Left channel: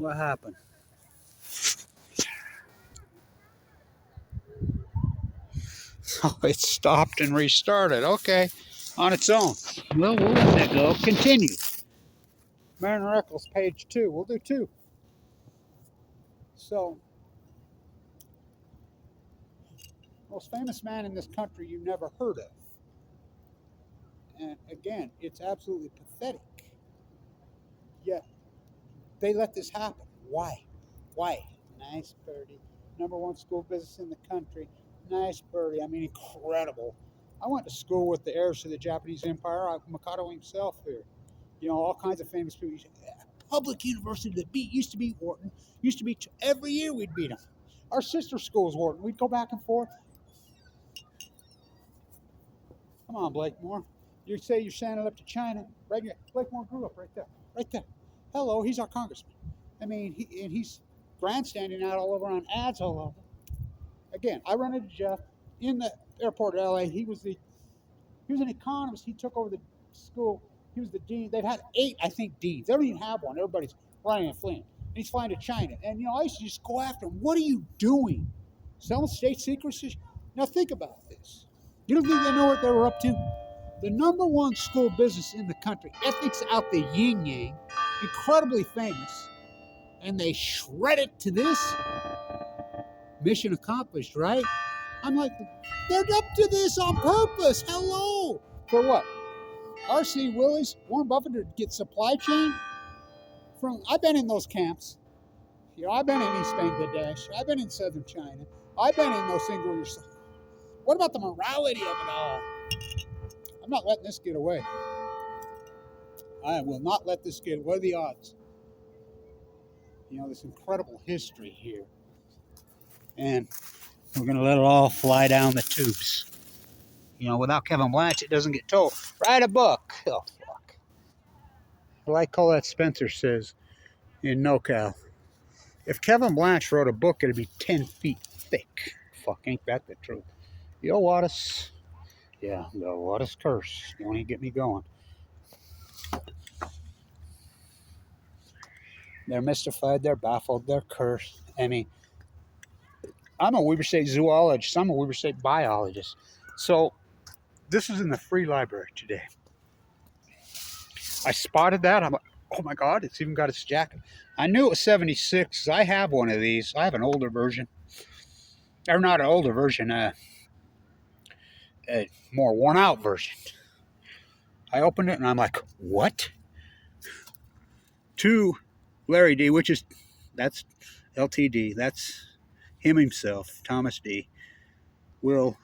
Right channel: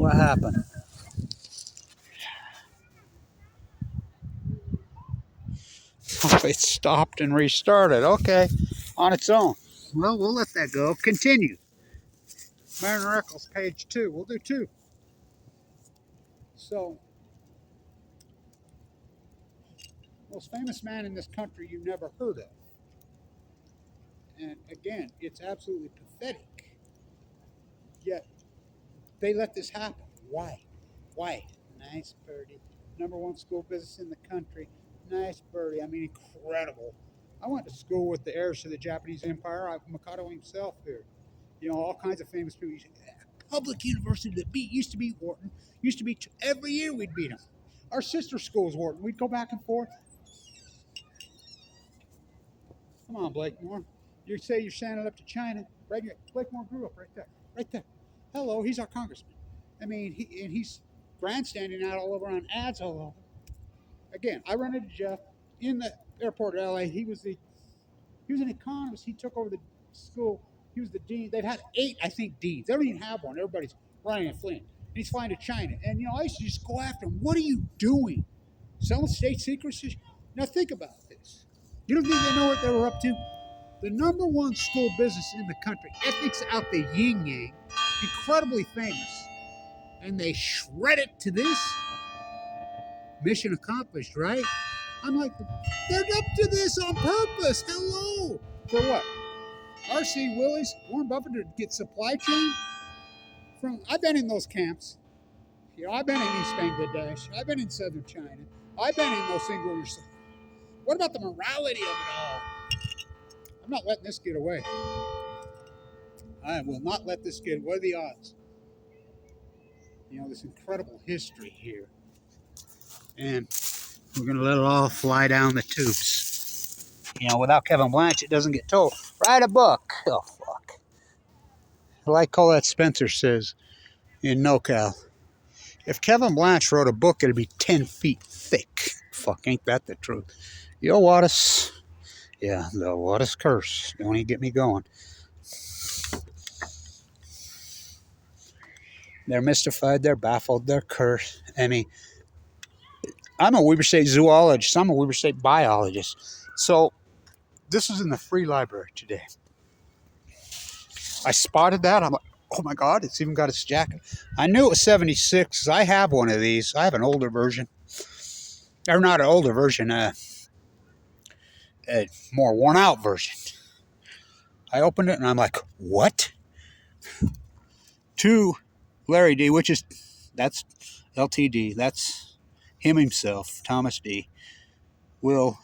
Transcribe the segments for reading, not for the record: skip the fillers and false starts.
What happened? Oh, it stopped and restarted. Okay, on its own. Well, we'll let that go. Continue. Marriner, Eccles, page 2. We'll do 2. So, most famous man in this country you never heard of. And again, it's absolutely pathetic. Yet, they let this happen. Why? Why? Nice birdie. #1 school business in the country. Nice birdie. I mean, incredible. I went to school with the heirs to the Japanese Empire. Mikado himself here. You know, all kinds of famous people. Public university that used to be Wharton. Used to be every year we'd beat them. Our sister school was Wharton. We'd go back and forth. Come on, Blakemore. You say you're standing up to China. Right here. Blakemore grew up right there. Right there. Hello, he's our congressman. I mean, he's grandstanding out all over on ads all over. Again, I run into Jeff in the airport of LA. He was an economist. He took over the school. He was the dean. They've had 8, I think, deans. They don't even have one. Everybody's running and fleeing. And he's flying to China. And, you know, I used to just go after him. What are you doing? Selling state secrets? Now think about this. You don't think they know what they were up to? The #1 school business in the country. Ethics out the yin-yang. Incredibly famous. And they shred it to this? Mission accomplished, right? I'm like, they're up to this on purpose. Hello. For what? R.C. Willey's, Warren Buffett to get supply chain? I've been in those camps. You know, I've been in East Bangladesh. I've been in southern China. I've been in those single years. What about the morality of it all? I'm not letting this get away. I will not let this get. What are the odds? You know, this incredible history here. And we're going to let it all fly down the tubes. You know, without Kevin Blanch, it doesn't get told. Write a book. Oh, fuck. Like Colette Spencer says in NoCal, if Kevin Blanch wrote a book, it'd be 10 feet thick. Fuck, ain't that the truth? Yo, Wattis. Yeah, the Wattis curse. Don't even get me going. They're mystified. They're baffled. They're cursed. I mean, I'm a Weber State zoologist. I'm a Weber State biologist. So this is in the free library today. I spotted that. I'm like, oh my God, it's even got its jacket. I knew it was 76. I have one of these. I have an older version. Or not an older version, a more worn out version. I opened it and I'm like, what? To Larry D, that's LTD. That's him himself, Thomas D. I'm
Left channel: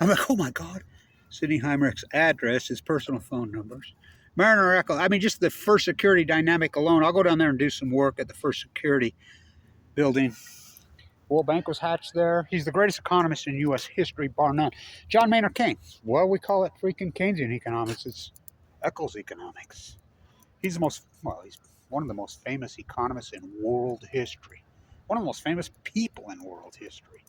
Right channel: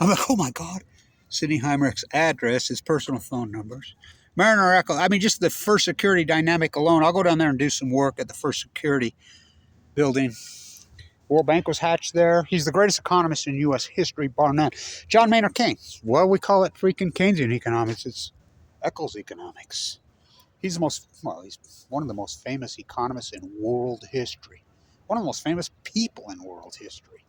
like, oh my God. Sidney Heimerich's address, his personal phone numbers. Marriner, Eccles. I mean, just the First Security dynamic alone. I'll go down there and do some work at the First Security building. World Bank was hatched there. He's the greatest economist in U.S. history, bar none. John Maynard Keynes. Well, we call it freaking Keynesian economics. It's Eccles economics. He's he's one of the most famous economists in world history. One of the most famous people in world history,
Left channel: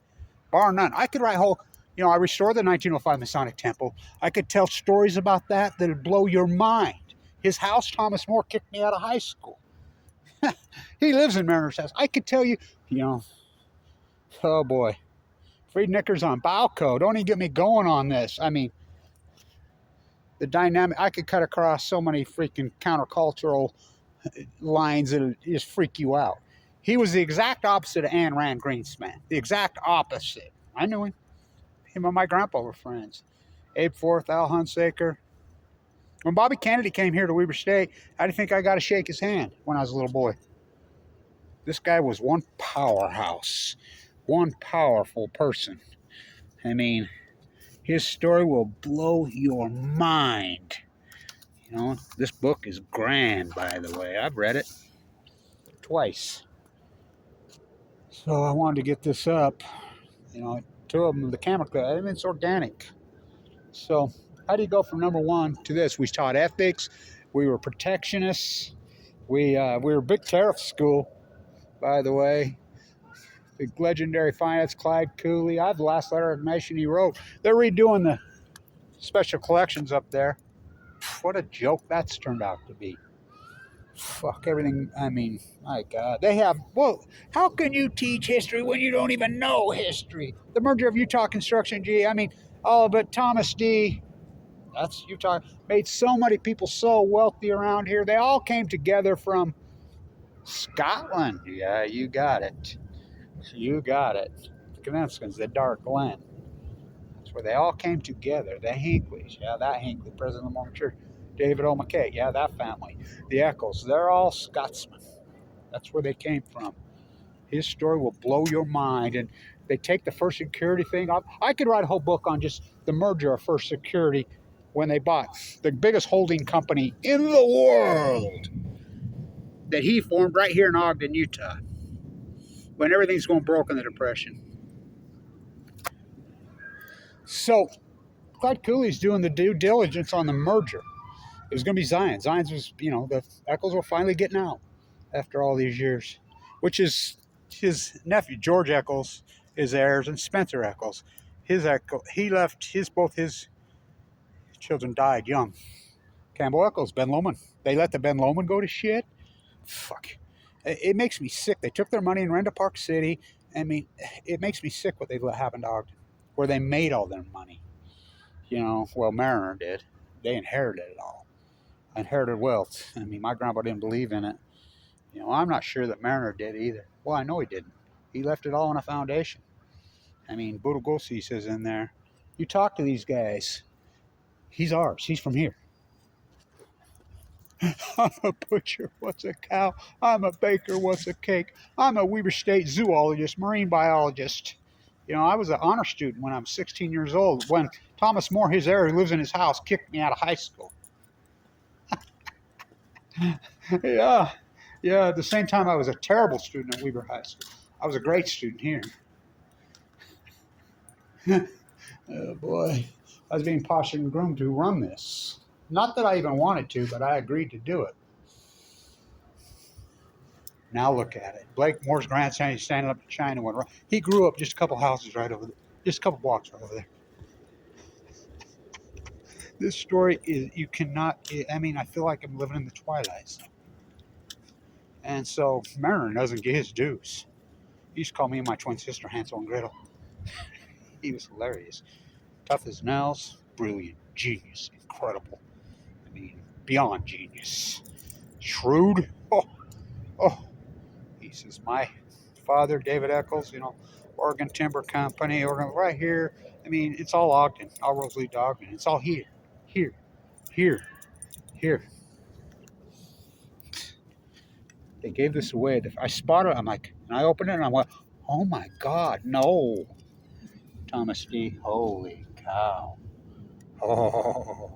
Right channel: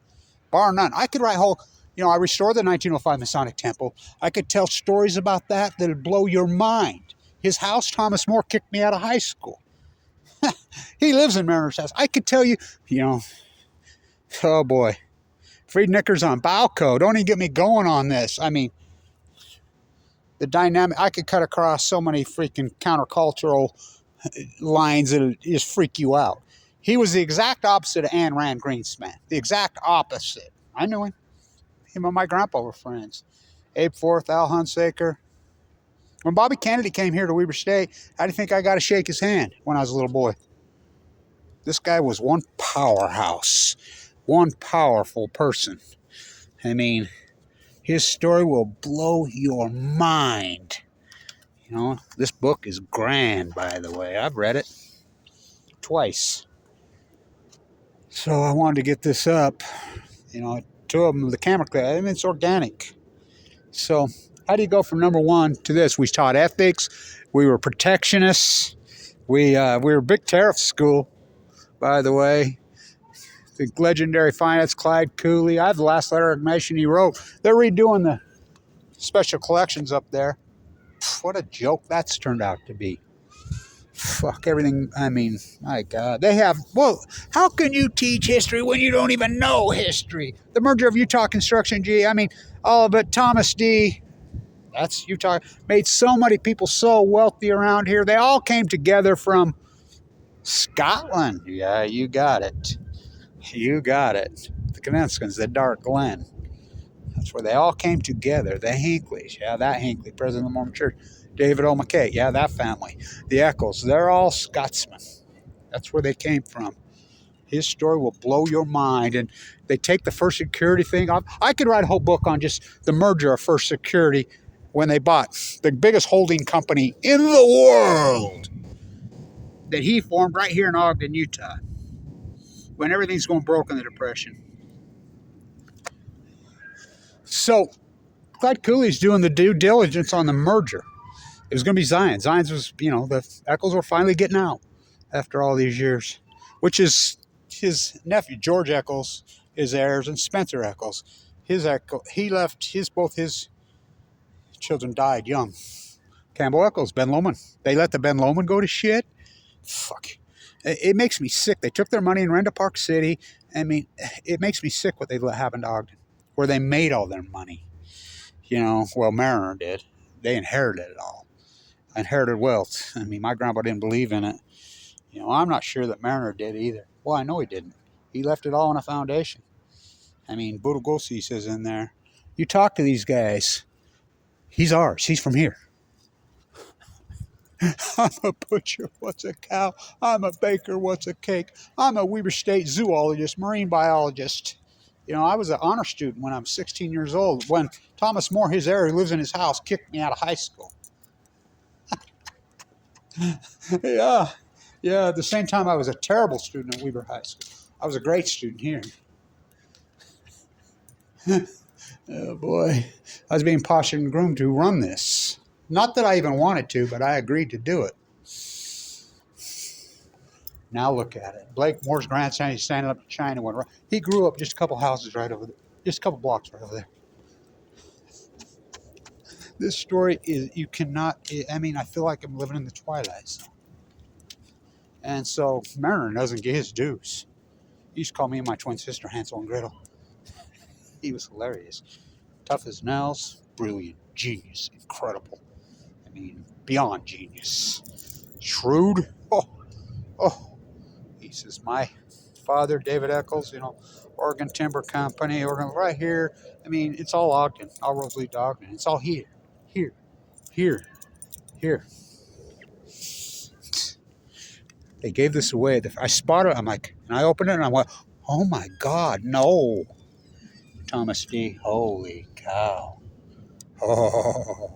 bar none. I could write I restored the 1905 Masonic Temple. I could tell stories about that that'd blow your mind. His house, Thomas More, kicked me out of high school. He lives in Mariner's house. I could tell you, oh boy. Freed Knickers on Balco. Don't even get me going on this. I mean, the dynamic, I could cut across so many freaking countercultural lines that'll just freak you out. He was the exact opposite of Ayn Rand Greenspan. The exact opposite. I knew him. Him and my grandpa were friends. Abe Forth, Al Hunsaker. When Bobby Kennedy came here to Weber State, how do you think I got to shake his hand when I was a little boy? This guy was one powerhouse, one powerful person. I mean, his story will blow your mind. You know, this book is grand, by the way. I've read it twice. So I wanted to get this up. You know, 2 of them, the camera clip. I mean, it's organic. So how do you go from #1 to this? We taught ethics. We were protectionists. We were a big tariff school, by the way. The legendary finance Clyde Cooley. I have the last letter of admission he wrote. They're redoing the special collections up there. What a joke that's turned out to be. Fuck everything. I mean, my God. They have, well, how can you teach history when you don't even know history? The merger of Utah Construction G, I mean, all of it, Thomas D. That's Utah. Made so many people so wealthy around here. They all came together from Scotland. Yeah, you got it. You got it. The Kaniskins, the Dark Glen. That's where they all came together. The Hinckleys, yeah, that Hinckley, president of the Mormon Church. David O. McKay, yeah, that family. The Eccles, they're all Scotsmen. That's where they came from. His story will blow your mind. And they take the First Security thing off. I could write a whole book on just the merger of First Security when they bought the biggest holding company in the world that he formed right here in Ogden, Utah, when everything's going broke in the Depression. So Clyde Cooley's doing the due diligence on the merger. It was going to be Zion. Zion's was, the Eccles were finally getting out after all these years, which is his nephew, George Eccles, his heirs, and Spencer Eccles. Both his children died young. Campbell Eccles, Ben Lomond. They let the Ben Lomond go to shit. Fuck. It makes me sick. They took their money and ran to Park City. I mean, it makes me sick what they let happen to Ogden, where they made all their money. Well, Marriner did. They inherited it all. Inherited wealth. I mean, my grandpa didn't believe in it. I'm not sure that Marriner did either. Well, I know he didn't. He left it all in a foundation. I mean, Budogosi says in there, you talk to these guys, he's ours. He's from here. I'm a butcher, what's a cow? I'm a baker, what's a cake? I'm a Weber State zoologist, marine biologist. I was an honor student when I was 16 years old. When Thomas More, his heir, who lives in his house, kicked me out of high school. Yeah. At the same time, I was a terrible student at Weber High School. I was a great student here. Oh, boy. I was being postured and groomed to run this. Not that I even wanted to, but I agreed to do it. Now look at it. Blake Moore's grandson, he's standing up to China. He grew up just a couple houses right over there. Just a couple blocks right over there. This story is, you cannot, I feel like I'm living in the twilight zone. And so Marriner doesn't get his dues. He used to call me and my twin sister Hansel and Gretel. He was hilarious. Tough as nails, brilliant, genius, incredible. Beyond genius. Shrewd. Oh. He says, my father, David Eccles, Oregon Timber Company, right here. It's all Ogden. All roads lead to Ogden. It's all here. They gave this away. I spotted it. I'm like, and I opened it and I went, oh my God, no. Thomas D. Holy cow. Oh.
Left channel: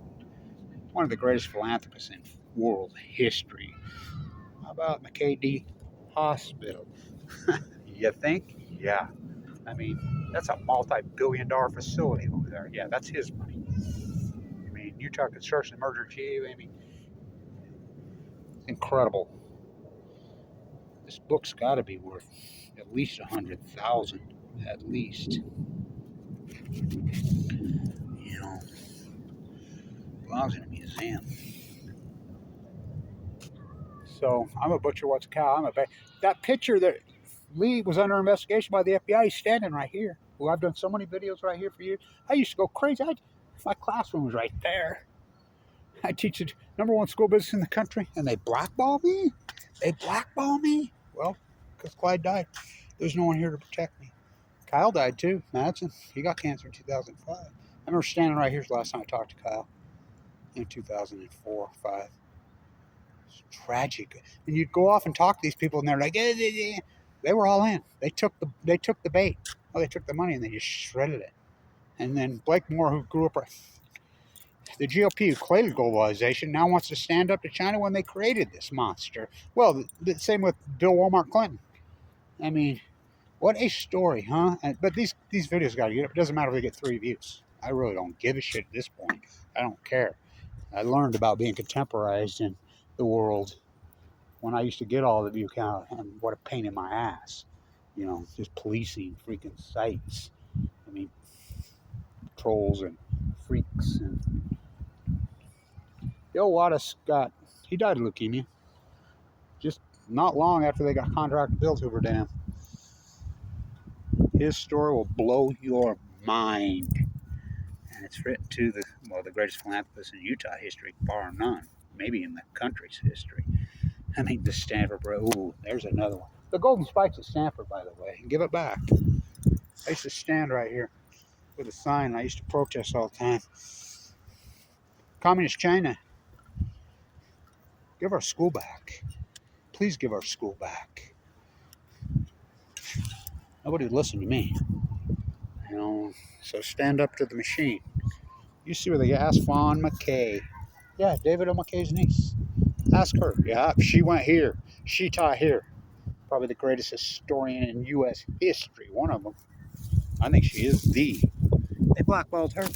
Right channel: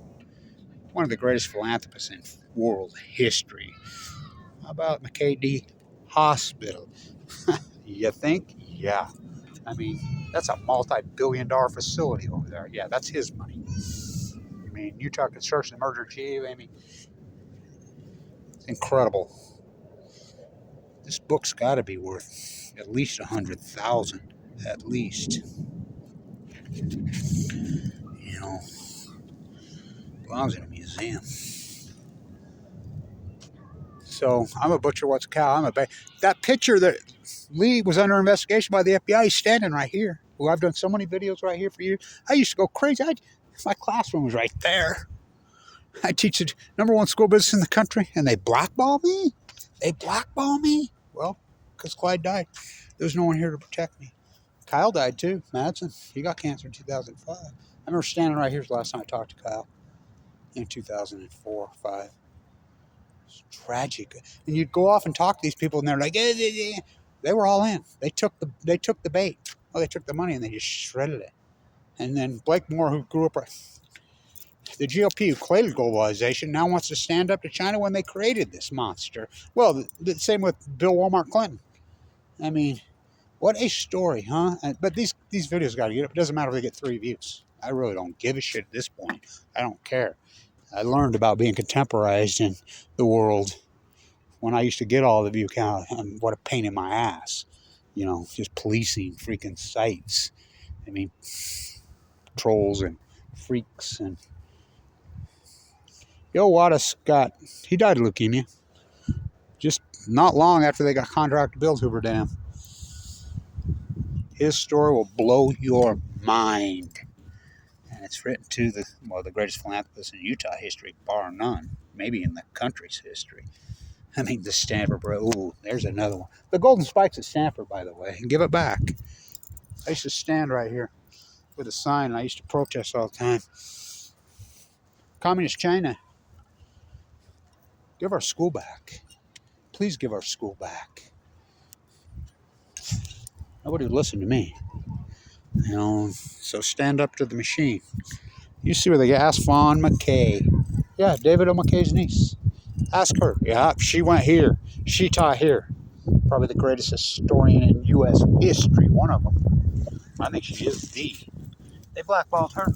One of the greatest philanthropists in world history. How about McKay Hospital? You think? Yeah. That's a multi-billion-dollar facility over there. Yeah, that's his money. Utah Construction Merger G. It's incredible. This book's got to be worth at least $100,000, at least. Belongs in a museum. So I'm a butcher, what's a cow? I'm a baker. That picture that Lee was under investigation by the FBI, he's standing right here. Well, I've done so many videos right here for you. I used to go crazy. My classroom was right there. I teach the #1 school business in the country, and they blackball me? Well, because Clyde died. There was no one here to protect me. Kyle died too, Madsen. He got cancer in 2005. I remember standing right here the last time I talked to Kyle in 2004 or 5. It's tragic. And you'd go off and talk to these people, and they're like, eh. They were all in. They took the bait. Oh, they took the money and they just shredded it. And then Blake Moore, who grew up, the GOP who created globalization, now wants to stand up to China when they created this monster. Well, the same with Bill Walmart Clinton. What a story, huh? But these videos got to get up. It doesn't matter if they get 3 views. I really don't give a shit at this point. I don't care. I learned about being contemporized in the world when I used to get all the view count, and what a pain in my ass. Just policing freaking sites. Trolls and freaks. And Yo Wada Scott, he died of leukemia. just not long after they got contract to build Hoover Dam. His story will blow your mind. And it's written to the greatest philanthropist in Utah history, bar none. Maybe in the country's history. I mean, the Stanford bro. Ooh, there's another one. The Golden Spikes at Stanford, by the way. Give it back. I used to stand right here with a sign, and I used to protest all the time. Communist China, give our school back. Please give our school back. Nobody would listen to me. You know, so stand up to the machine. You see where they ask Fawn McKay. Yeah, David O. McKay's niece. Ask her. Yeah, she went here. She taught here. Probably the greatest historian in U.S. history. One of them. I think she is the. They blackballed her.